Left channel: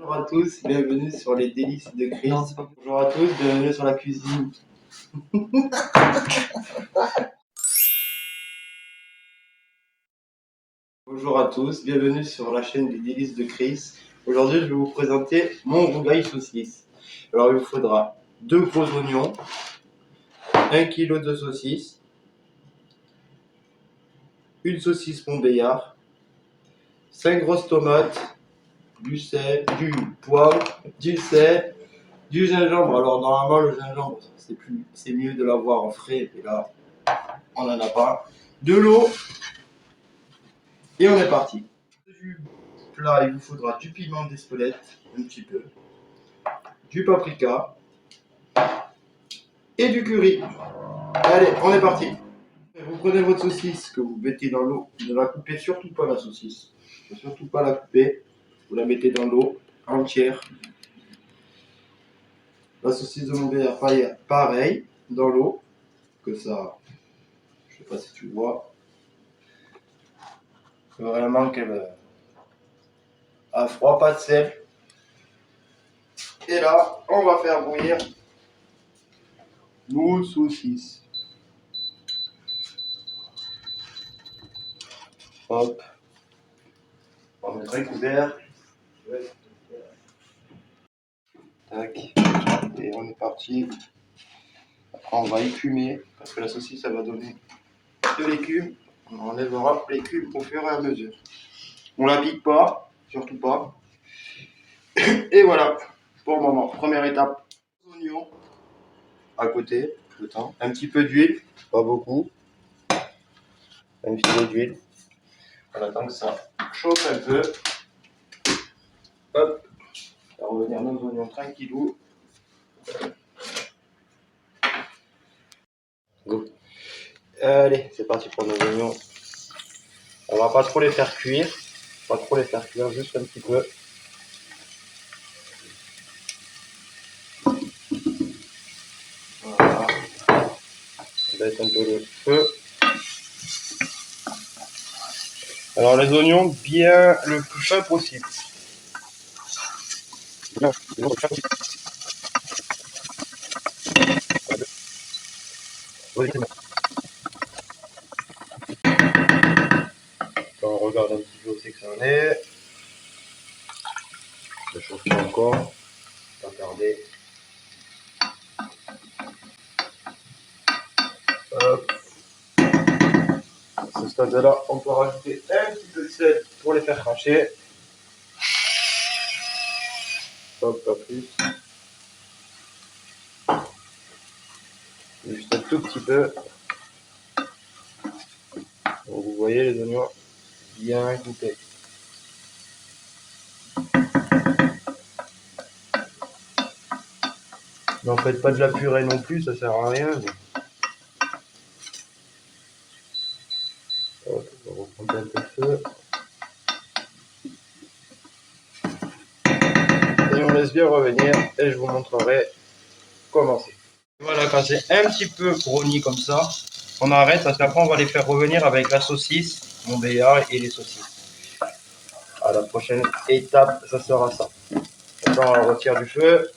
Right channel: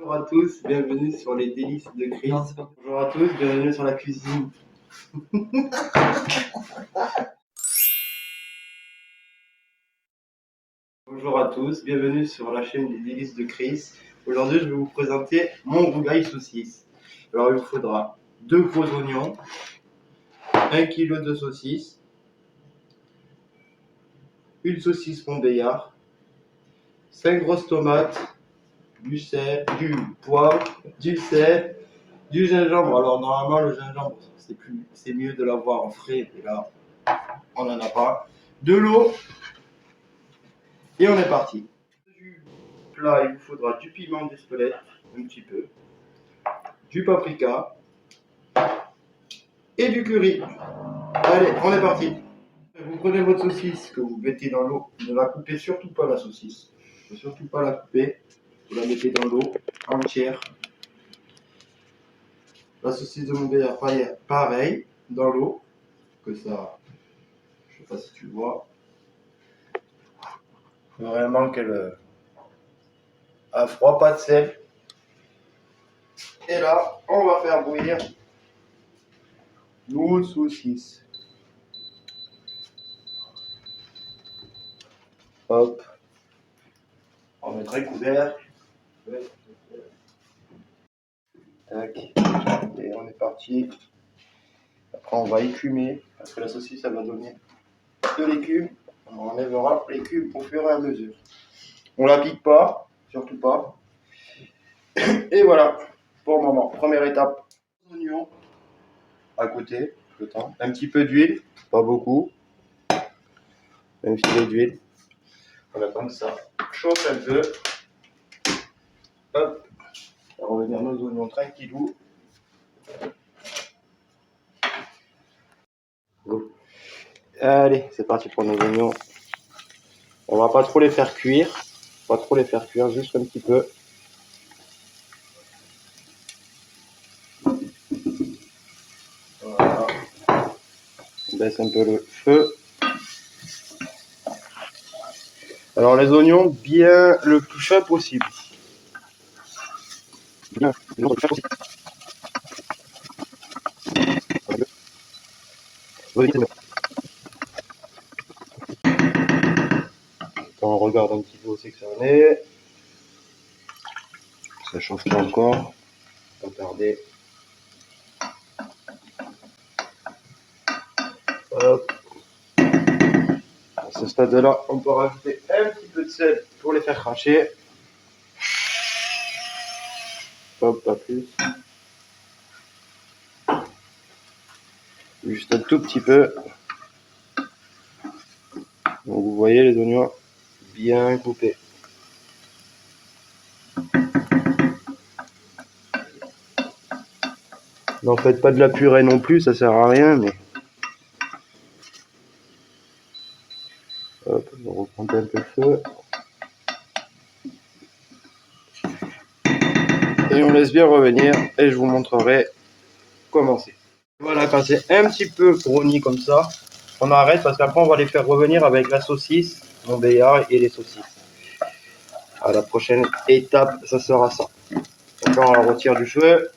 Bonjour à tous, bienvenue sur les délices de Chris. Bonjour à tous, bienvenue sur la cuisine. Bonjour à tous, bienvenue sur la chaîne des délices de Chris. Aujourd'hui, je vais vous présenter mon rougail saucisse. Alors, il vous faudra 2 gros oignons, 1 kg de saucisse, une saucisse Montbéliard, 5 grosses tomates, du sel, du poivre, du sel, du gingembre. Alors normalement le gingembre c'est mieux de l'avoir en frais, et là on n'en a pas. De l'eau et on est parti. Du plat, il vous faudra du piment d'Espelette, un petit peu, du paprika et du curry. Allez, on est parti. Vous prenez votre saucisse que vous mettez dans l'eau. Ne la coupez surtout pas, la saucisse. Il ne faut surtout pas la couper. Vous la mettez dans l'eau entière. La saucisse de Montbéliard, pareil, dans l'eau, que ça, je sais pas si tu vois, faut vraiment qu'elle a froid, pas de sel. Et là, on va faire bouillir nos saucisses. Hop, on va mettre un couvercle. Tac, et on est parti. Après, on va écumer, parce que la saucisse, ça va donner de l'écume. On enlèvera l'écume au fur et à mesure. On la pique pas, surtout pas. Et voilà, pour le moment. Première étape, oignons à côté, le temps. Un petit peu d'huile, pas beaucoup. Un filet d'huile. On attend que ça chauffe un peu. Hop, on va revenir nos oignons tranquillou. Go. Allez, c'est parti pour nos oignons. On va pas trop les faire cuire. Juste un petit peu. Voilà. On baisse un peu le feu. Alors les oignons, bien le plus fin possible. Bien, le plus fin possible. Quand on regarde un petit peu où c'est que ça en est. Ça chauffe pas encore. Pas tarder. Hop. À ce stade-là, on peut rajouter un petit peu de sel pour les faire cracher. Hop, pas plus. Juste un tout petit peu. Donc vous voyez les oignons bien coupés. N'en faites pas de la purée non plus, ça sert à rien, mais. Hop, on reprend un peu le feu. Et on laisse bien revenir et je vous montrerai comment c'est. Voilà, quand c'est un petit peu brownie comme ça, on arrête parce qu'après on va les faire revenir avec la saucisse, Montbéliard et les saucisses. À la prochaine étape, ça sera ça. Donc là, on la retire du feu,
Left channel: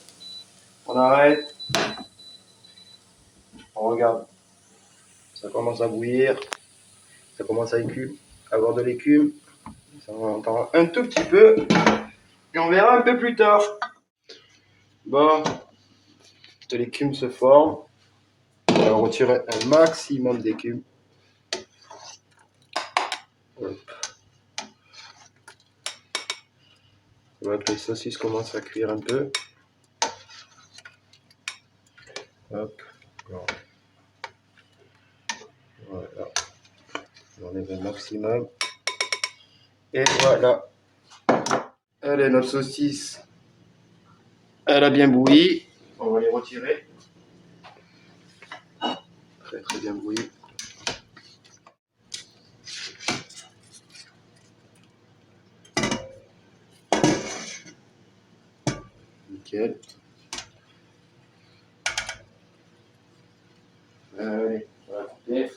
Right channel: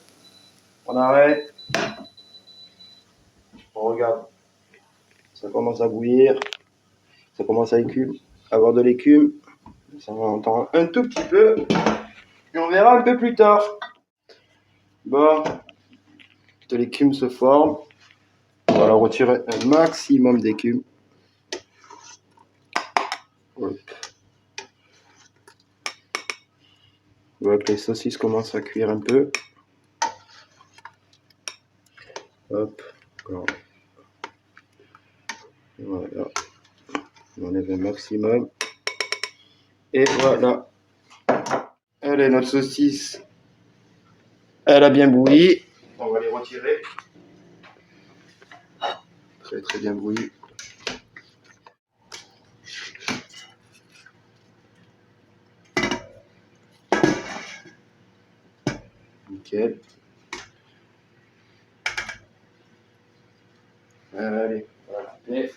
on arrête, on regarde, ça commence à bouillir, ça commence à avoir de l'écume, ça va entendre un tout petit peu et on verra un peu plus tard. Bon, de l'écume se forme, on va retirer un maximum d'écume. Hop. On voit que les saucisses commencent à cuire un peu. Hop, voilà, on enlève un maximum. Et voilà, allez, notre saucisse, elle a bien bouilli. On va les retirer. Très très bien bouilli. Nickel. Allez, on va couper.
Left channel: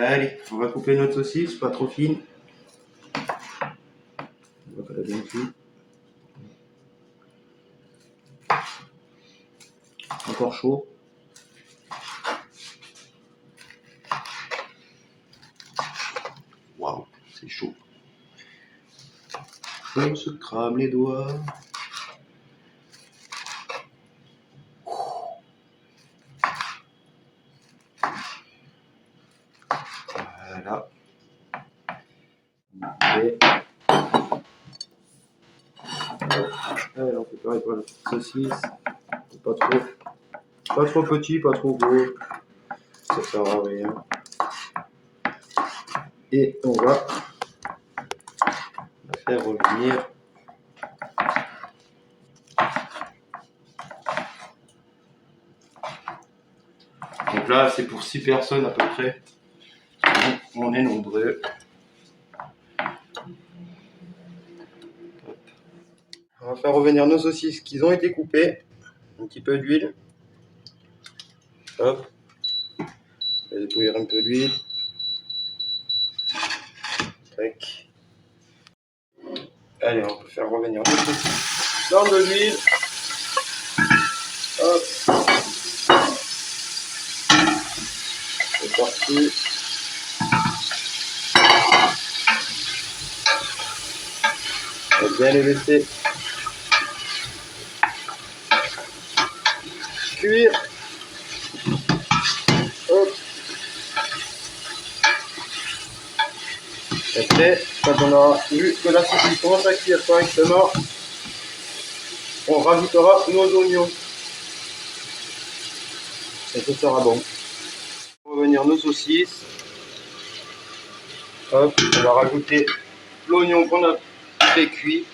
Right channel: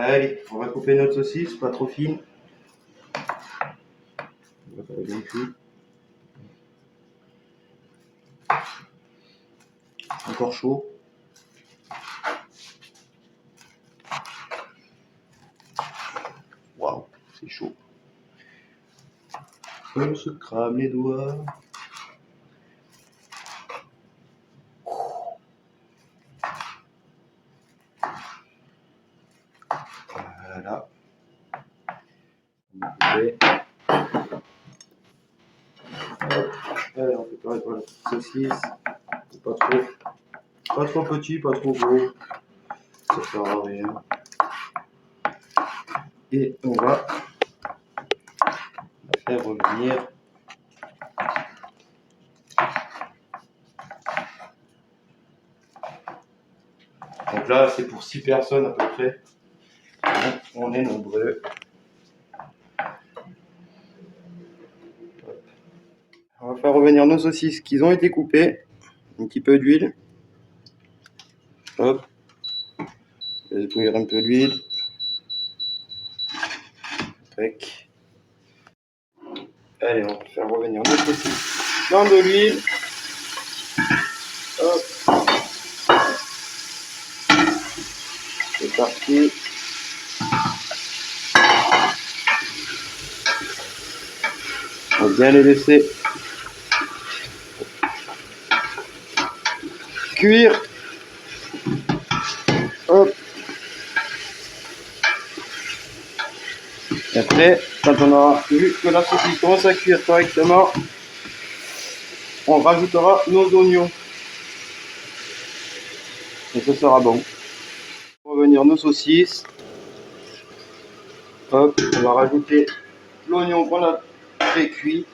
Allez, On va couper notre saucisse, pas trop fine. On voit qu'elle est bien cuite. Encore chaud. Waouh, c'est chaud. On se crame les doigts. Voilà. Et... Allez, on fait pareil pour la saucisse. Pas trop petit, pas trop gros. Ça sert à rien. Et on va la faire revenir. Donc là, c'est pour 6 personnes à peu près. On est nombreux. Hop. On va faire revenir nos saucisses qui ont été coupées. Un petit peu d'huile. Hop. Je laisse bouillir un peu d'huile. Tac. Allez, on va faire revenir nos saucisses dans de l'huile. Hop. C'est parti. On va bien les laisser cuire. Hop. Et après, quand on aura vu que la saucisse commence à cuire correctement, on rajoutera nos oignons. Et ça sera bon. On va revenir nos saucisses. Hop, on va rajouter l'oignon qu'on a pré-cuit.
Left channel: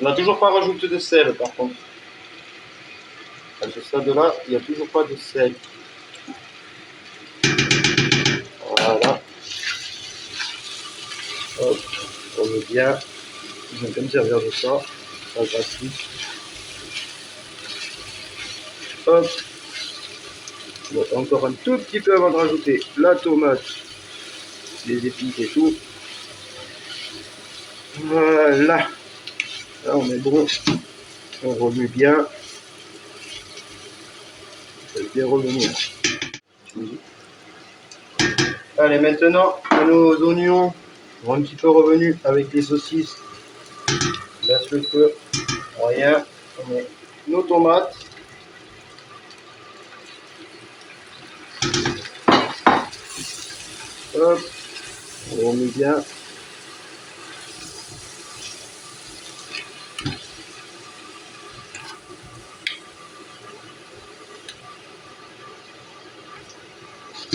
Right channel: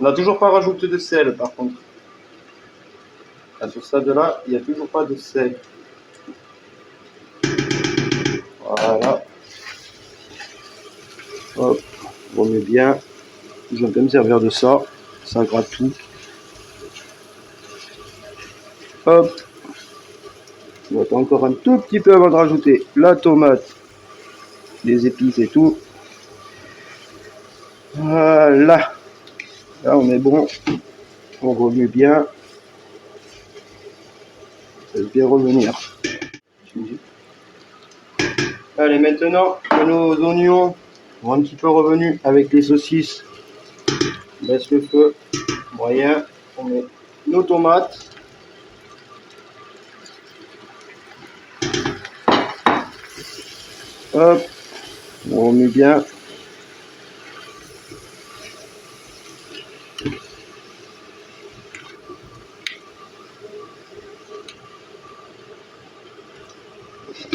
On n'a toujours pas rajouté de sel par contre. À ce stade-là, il n'y a toujours pas de sel. Voilà. Hop, on met bien. Je vais me servir de ça. Ça gratte tout. Hop. On va encore un tout petit peu avant de rajouter la tomate, les épices et tout. Voilà. Là, on est bon. On remue bien. Je vais revenir. Allez, maintenant que nos oignons ont un petit peu revenu avec les saucisses, on baisse le feu moyen. On met nos tomates. Hop, on remue bien.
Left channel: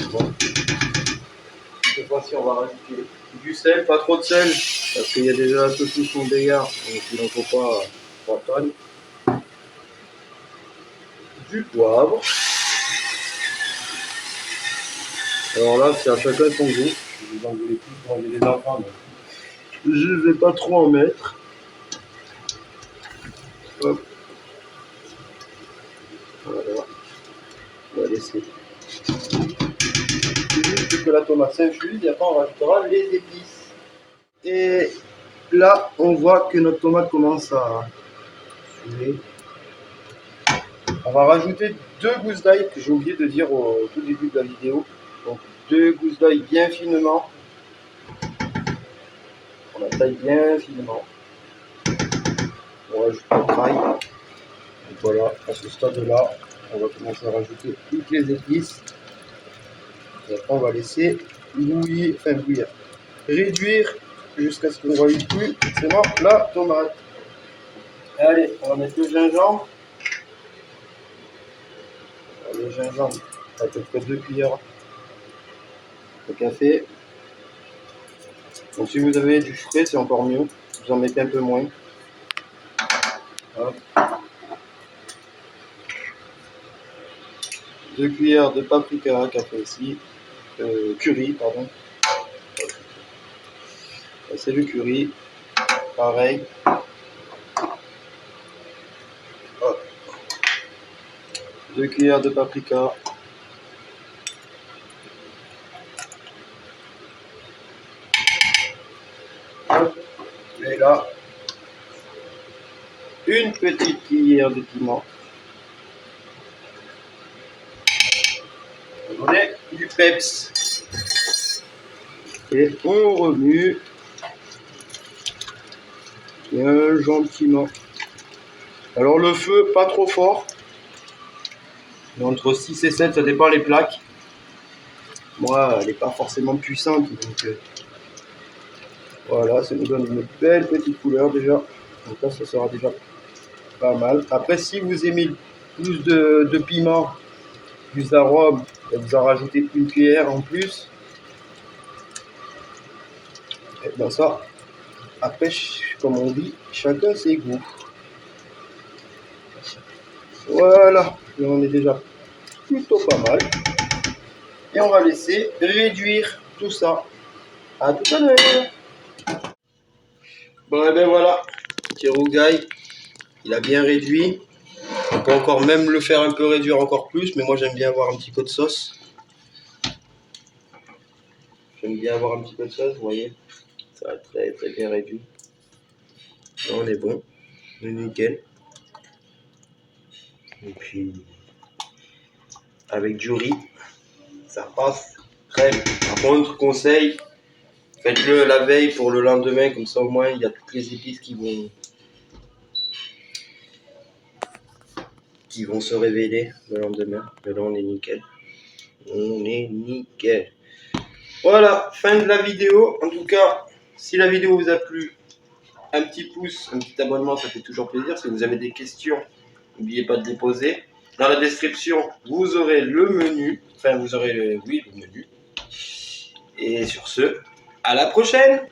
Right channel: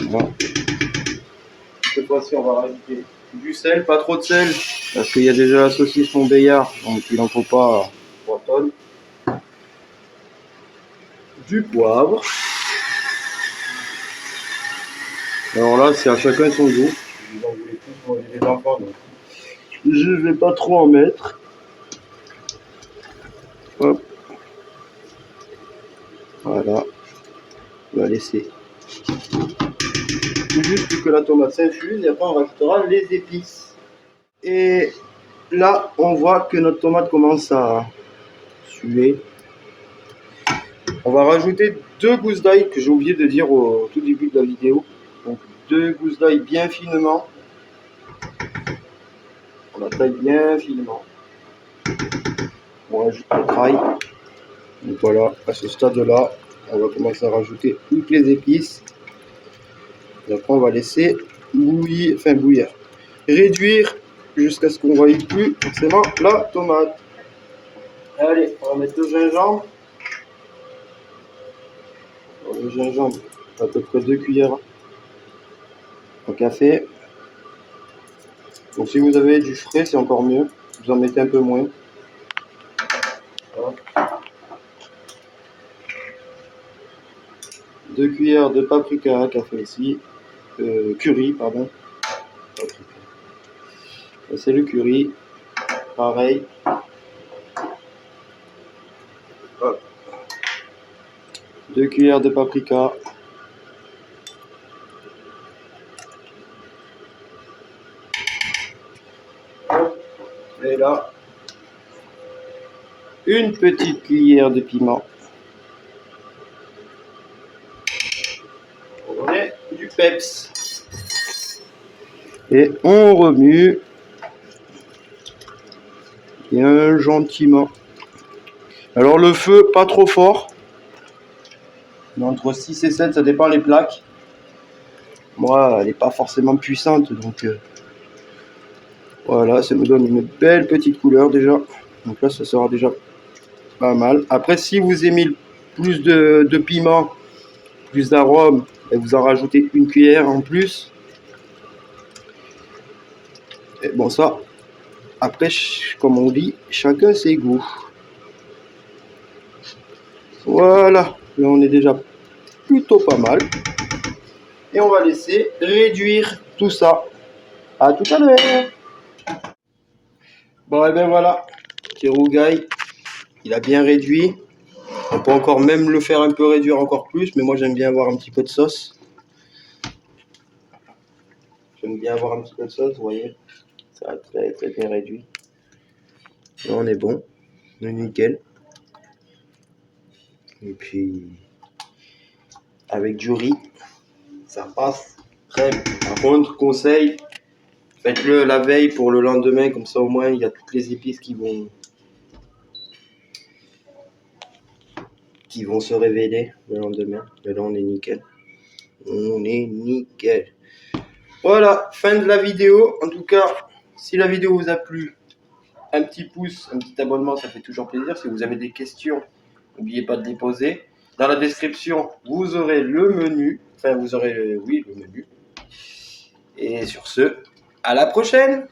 Voilà. Cette fois-ci, on va rajouter du sel, pas trop de sel, parce qu'il y a déjà la saucisse Montbéliard, donc il n'en faut pas 3 tonnes. Du poivre. Alors là, c'est à chacun son goût. Vous en voulez plus, moi j'ai des enfants, donc je ne vais pas trop en mettre. Hop. Voilà. On va laisser juste que la tomate s'infuse et après on rajoutera les épices. Et là, on voit que notre tomate commence à suer. On va rajouter 2 gousses d'ail que j'ai oublié de dire au tout début de la vidéo. Donc 2 gousses d'ail bien finement. On la taille bien finement. On rajoute le trail. Donc voilà, à ce stade-là, on va commencer à rajouter toutes les épices. Et après, on va laisser bouillir, réduire jusqu'à ce qu'on ne voie plus forcément la tomate. Allez, on va mettre le gingembre. Alors, le gingembre, à peu près 2 cuillères au café. Donc si vous avez du frais, c'est encore mieux. Vous en mettez un peu moins. Hop. 2 cuillères de paprika café ici. Curry, pardon. C'est le curry. Pareil. Hop. 2 cuillères de paprika. Et là, une petite cuillère de piment. On met du peps. Et on remue bien gentiment. Alors le feu, pas trop fort. Mais entre 6 et 7, ça dépend les plaques. Moi, elle n'est pas forcément puissante, donc voilà, ça nous donne une belle petite couleur déjà. Donc là, ça sera déjà pas mal. Après, si vous aimez plus de piment, plus d'arôme, et vous en rajoutez une cuillère en plus. Et bon, ça, après, comme on dit, chacun ses goûts. Voilà, là on est déjà plutôt pas mal. Et on va laisser réduire tout ça. À tout à l'heure. Bon, et ben voilà, petit rougail, il a bien réduit. On peut encore même le faire un peu réduire encore plus, mais moi j'aime bien avoir un petit peu de sauce. J'aime bien avoir un petit peu de sauce, vous voyez. Ça va très très bien réduit. Et on est bon, on est nickel. Et puis, avec du riz, ça passe très bien. Par contre, conseil, faites-le la veille pour le lendemain, comme ça au moins il y a toutes les épices qui vont se révéler le lendemain. Et là on est nickel. On est nickel. Voilà, fin de la vidéo. En tout cas, si la vidéo vous a plu, un petit pouce, un petit abonnement, ça fait toujours plaisir. Si vous avez des questions, n'oubliez pas de les poser. Dans la description, vous aurez le menu. Enfin, vous aurez, oui, le menu. Et sur ce, à la prochaine!